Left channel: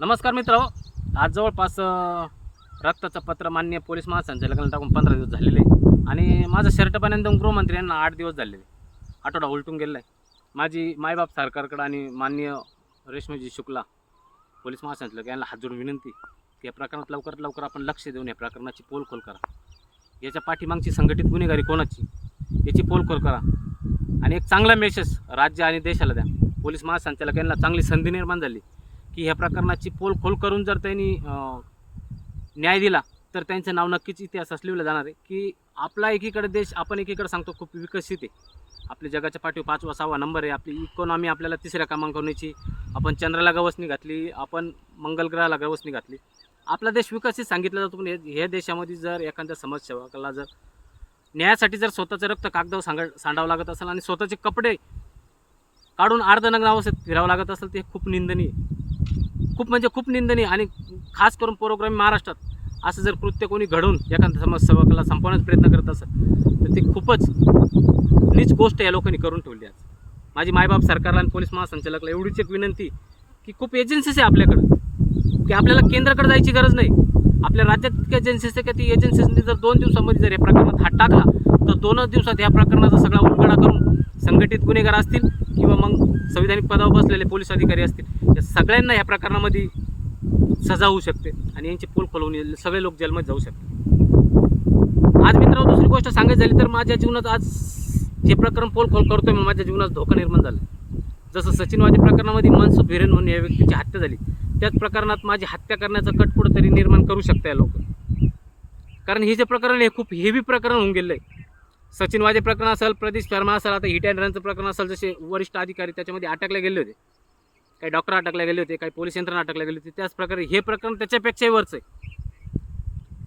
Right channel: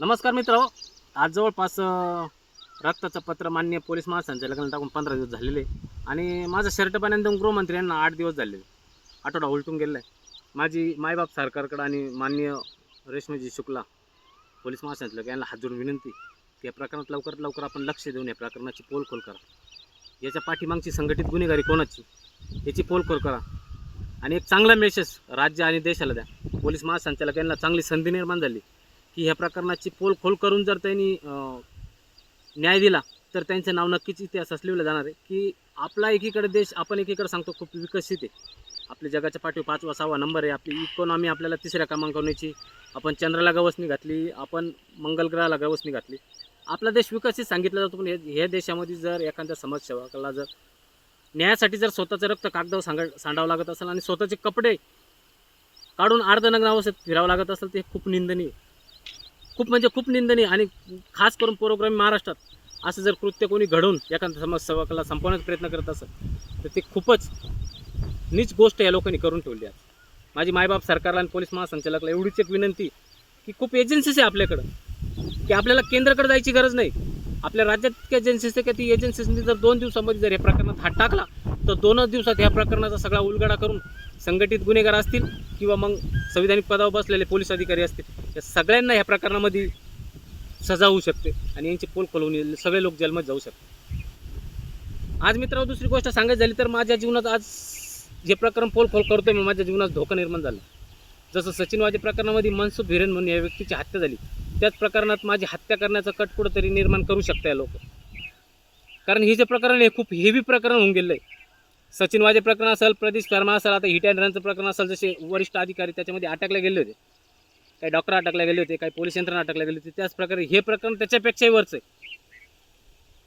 नमस्कार मित्र. आज जवळपास रक्ताचं पत्र मान्य पोलीस महासंचालकांना टाकून पंधरा दिवस झालेले आहे. आणि माझं शर्ट पाण्यानंतर गृहमंत्री यांना आठ दिवस झालेले आठवडा उलटून गेलेला आहे. माझी मायबाप सरकारकडं आणि मान्य रेश्माजी शुक्ला पोलीस महासंचालक यांना हात जोडून विनंती की या प्रकरणात लवकरात लवकर आपण लक्ष देऊन या प्रकरणाची पोलखोल करा. याच्या पाठीमागची संघटित गुन्हेगारी कोणाची? याची पोलखोल करा. आणि एक चांगला मेसेज राज्य आणि देशाला द्या. पोलीस महासंचालक यांना चांगली संधी निर्माण झाली. की ह्या प्रकरणाची पोलखोल करून जर त्यांनी न्याय दिला तर त्यांचं नाव नक्कीच इतिहासात लिहिलं जाणार आहे. की आपला एकीकडे देश आपण एकीकडे सांगतो खूप विकसित आहे. आपल्या जगाच्या पाठीवर पाचवा सहावा नंबर आहे. आपली इकॉनॉमी आपल्याला तिसऱ्या क्रमांकावरची. आपण चंद्राला गवसणी घातली आपण मंगल ग्रहाला गवसणी घातली. आपला देश विकसित सांगितला जातो पण हे- ह्या देशामध्ये जर एखाद्या समाजसेवकाला जर न्यायासाठी जर स्वतःचं रक्त कागदावर सांगा सांडावं लागत असेल आणि स्वतःचे कपडे काढून अर्धनग्न अवस्थेत फिरावं लागत असेल ते खूप निंदनीय खूप म्हणजे खूप निंदनीय आणि खास करून प्रोग्राम महाराष्ट्रात असं जर कृत्य कोणी घडवून एखाद्या समाजसेवकाला संपवण्याचा प्रयत्न करत असेल तर ती खूपच नीच गोष्ट या लोकांनी करून ठेवली आहे. माझी मायबाप सरकारला आणि पोलीस महासंचालकाला एवढीच एक विनंती की खूप एजन्सीज आहे आपल्याकडं की आपल्याला केंद्राकडे जायची गरज नाही. आपल्या राज्यात इतक्या एजन्सीज आहे की ती एजन्सीजनी जर दोन दिवसामध्ये जर या प्रकरणात हात टाकला तर दोनच दिवसात या प्रकरणाचा सगळा उलगडा करून संघटित गुन्हेगार असतील किंवा मग संविधानिक पदावर बसलेले पोलीस अधिकारी असतील या सगळ्यांना ह्या प्रकरणामध्ये सजा होऊ शकते आणि यांची पोल खोलवून सगळे लोक जेलमध्ये जाऊ शकते आज मित्रांनो दुसरी गोष्ट सांगायची झाली तर माझ्या जीवनात आज जे प्रकरण पोल खोल करतो मी माझ्या जीवनात धोका निर्माण झाला. जसं सचिनवादी प्रकरणामध्ये मनसुख हिरेन म्हणून या व्यक्तीची हत्या झाली. त्याच प्रकरणात माझी हत्या करण्याचा कट कुठंतरी निर्माण करू शकता या लोक. कारण हे जे प्रकरण आहे खूप हेवी प्रकरण होऊन गेलं आहे सचिनवादी प्रकरण असेल प्रदीश शर्मा असेल आता हिट अँड रनचं प्रकरण असेल जसे वरिष्ठ अधिकारी त्याच्यामध्ये अटकले गेले होते. काही डॉक्टर अटकले गेले होते काही पोलीस यंत्रणा अटकले गेले होते. त्याच प्रकारे हे प्रकरण त्याच्यापेक्षाही वरचं आहे.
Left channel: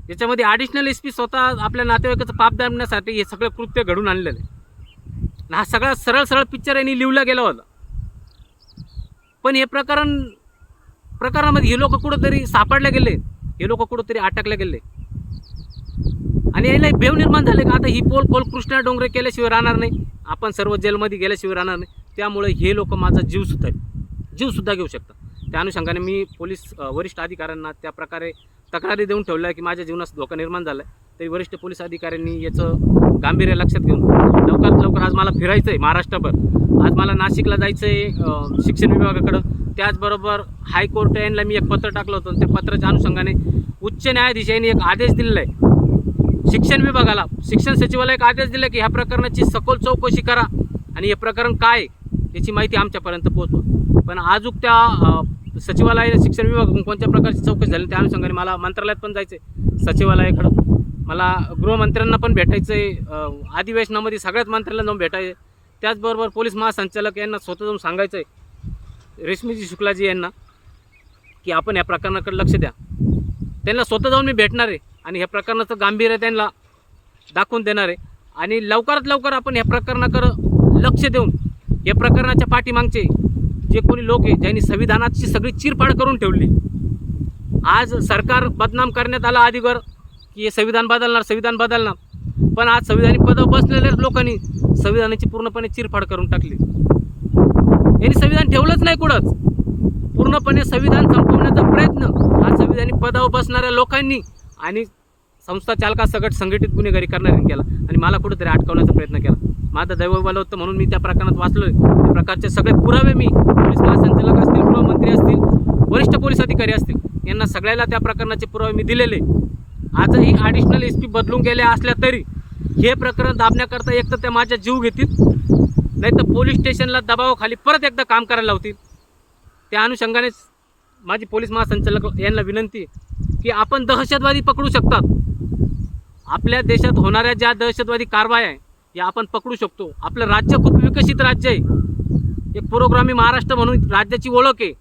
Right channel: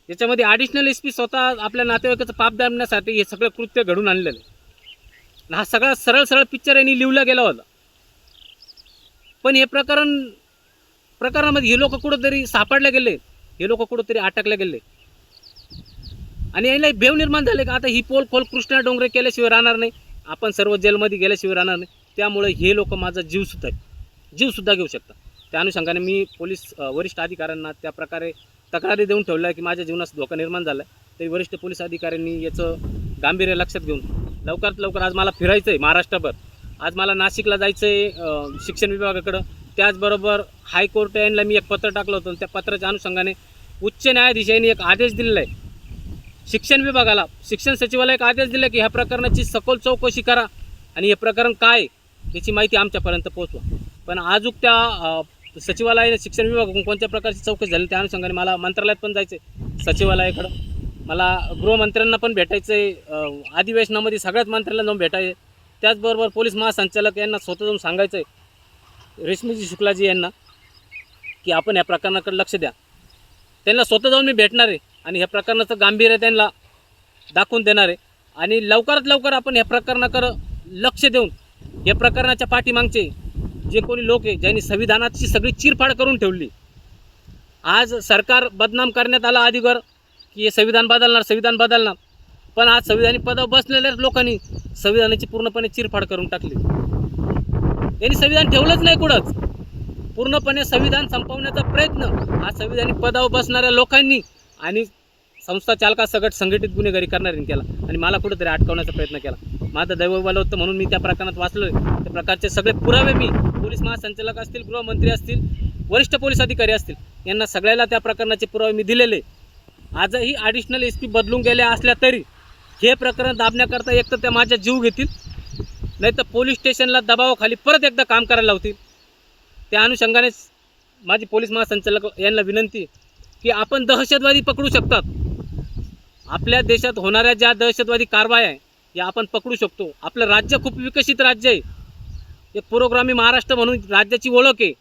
याच्यामध्ये ॲडिशनल एस पी स्वतः आपल्या नातेवाईकाचं पाप दाबण्यासाठी हे सगळं कृत्य घडून आणलेलं आहे. हा सगळा सरळ सरळ पिक्चर यांनी लिहला गेला होता. पण हे प्रकरण प्रकरणामध्ये हे लोक कुठंतरी सापडले गेले. हे लोक कुठंतरी अटकले गेले. आणि याला भेव निर्माण झाले का? आता ही पोल खोल कृष्णा डोंगरे केल्याशिवाय राहणार नाही. आपण सर्व जेलमध्ये गेल्याशिवाय राहणार नाही. त्यामुळे हे लोक माझा जीव सुद्धा जीवसुद्धा घेऊ शकतात. त्या अनुषंगाने मी पोलीस वरिष्ठ अधिकाऱ्यांना त्या प्रकारे तक्रारी देऊन ठेवल्या आहे की माझ्या जीवनास धोका निर्माण झाला आहे तरी वरिष्ठ पोलीस अधिकाऱ्यांनी याचं गांभीर्य लक्षात घेऊन लवकरात लवकर आज मला फिरायचं आहे महाराष्ट्रभर. आज मला नाशिकला जायचं आहे शिक्षण विभागाकडं. त्याचबरोबर हायकोर्ट यांना मी एक पत्र टाकलं होतं त्या पत्राच्या अनुषंगाने उच्च न्यायाधीश यांनी एक आदेश दिलेला आहे शिक्षण विभागाला शिक्षण सचिवाला एक आदेश दिला की ह्या प्रकरणाची सखोल चौकशी करा आणि हे प्रकरण काय आहे, याची माहिती आमच्यापर्यंत पोहोचवा. पण आजूक त्या अ, सचिवालयाने शिक्षण विभाग कोणत्या प्रकारची चौकशी झाली त्या अनुषंगाने मला मंत्रालयात पण जायचं आहे सचिवालयाकडं. मला गृहमंत्र्यांना पण भेटायचं आहे अधिवेशनामध्ये सगळ्याच मंत्र्यांना जाऊन भेटायचं आहे त्याचबरोबर पोलीस महासंचालक यांना स्वतः जाऊन सांगायचं आहे रेश्मीजी शुक्लाजी यांना की आपण या प्रकरणाकडे लक्ष द्या. त्यांना स्वतः जाऊन मी भेटणार आहे. आणि ह्या प्रकरणाचं गांभीर्य त्यांना दाखवून देणार आहे. आणि लवकरात लवकर आपण ह्या प्रकरणाकडं लक्ष देऊन या प्रकरणाच्या पाठीमागचे जे कोणी लोक आहे ज्यांनी संविधानाची सगळी चिरफाड करून ठेवली आज सरकार बदनाम करण्यात आलं आधीवर की हे संविधान बदलणार संविधान बदलणार. पण आज संविधानिक पदावर बसलेल्या लोकांनी संविधानाची पूर्णपणे चिरफाड करून टाकली. यांनी संविधान ठेवलंच नाही कुठंच. पूर्णपणे संविधान संपवण्याचा प्रयत्न हा संविधानिक पदावर बसणाऱ्या लोकांनी आणि संस्था चालकासकट संघटित गुन्हेगारी करणाऱ्यांनी केला आणि मला कुठेतरी अटकवण्याचा प्रयत्न केला. माझं दैवबल होतं म्हणून मी त्या प्रकरणात वाचलोय. त्या प्रकारचे सगळे पुरावे मी पोलीस महासंचालक असतील गृहमंत्री असतील वरिष्ठ पोलीस अधिकारी असतील यांना सगळ्याला त्या प्रकरणाचे पुरावे मी दिलेले. आजही ॲडिशनल एस पी बदलून गेल्या असल्या तरी हे प्रकरण दाबण्याकरता एक तर त्या माझ्या जीव घेतील नाही तर पोलीस स्टेशनला दबावाखाली परत एकदा काम करायला लावतील. त्या अनुषंगानेच माझी पोलीस महासंचालक यांना विनंती की आपण दहशतवादी पकडू शकतात. आपल्या देशात होणाऱ्या ज्या दहशतवादी कारवाया आहे या आपण पकडू शकतो. आपलं राज्य खूप विकसित राज्य आहे. एक पुरोग्रामी महाराष्ट्र म्हणून राज्याची ओळख आहे.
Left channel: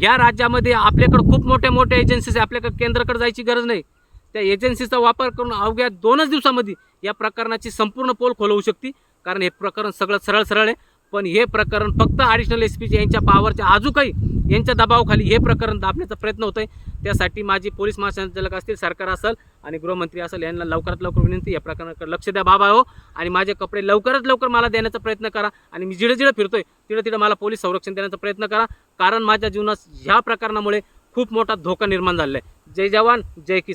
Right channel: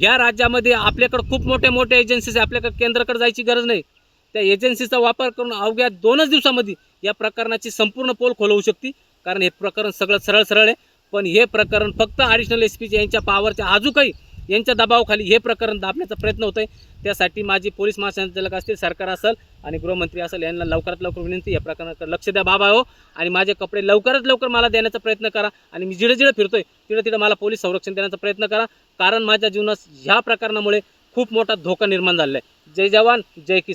या राज्यामध्ये आपल्याकडं खूप मोठ्या मोठ्या एजन्सीज आहे. आपल्याकडे केंद्राकडे जायची गरज नाही. त्या एजन्सीचा वापर करून अवघ्या दोनच दिवसामध्ये या प्रकरणाची संपूर्ण पोल खोलवू शकते कारण हे प्रकरण सगळं सरळ सरळ आहे. पण हे प्रकरण फक्त ॲडिशनल एस पीचे यांच्या पावरच्या अजूनही यांच्या दबावाखाली हे प्रकरण दाबण्याचा प्रयत्न होतोय. त्यासाठी माझी पोलीस महासंचालक असतील सरकार असेल आणि गृहमंत्री असेल यांना लवकरात लवकर विनंती या प्रकरणाकडे लक्ष द्या बाबा हो. आणि माझे कपडे लवकरात लवकर मला देण्याचा प्रयत्न करा आणि मी जिडं जिडं फिरतोय तिडं तिडं मला पोलीस संरक्षण देण्याचा प्रयत्न करा. कारण माझ्या जीवनात ह्या प्रकरणामुळे खूप मोठा धोका निर्माण झालेला आहे. जय जवान जय किसान.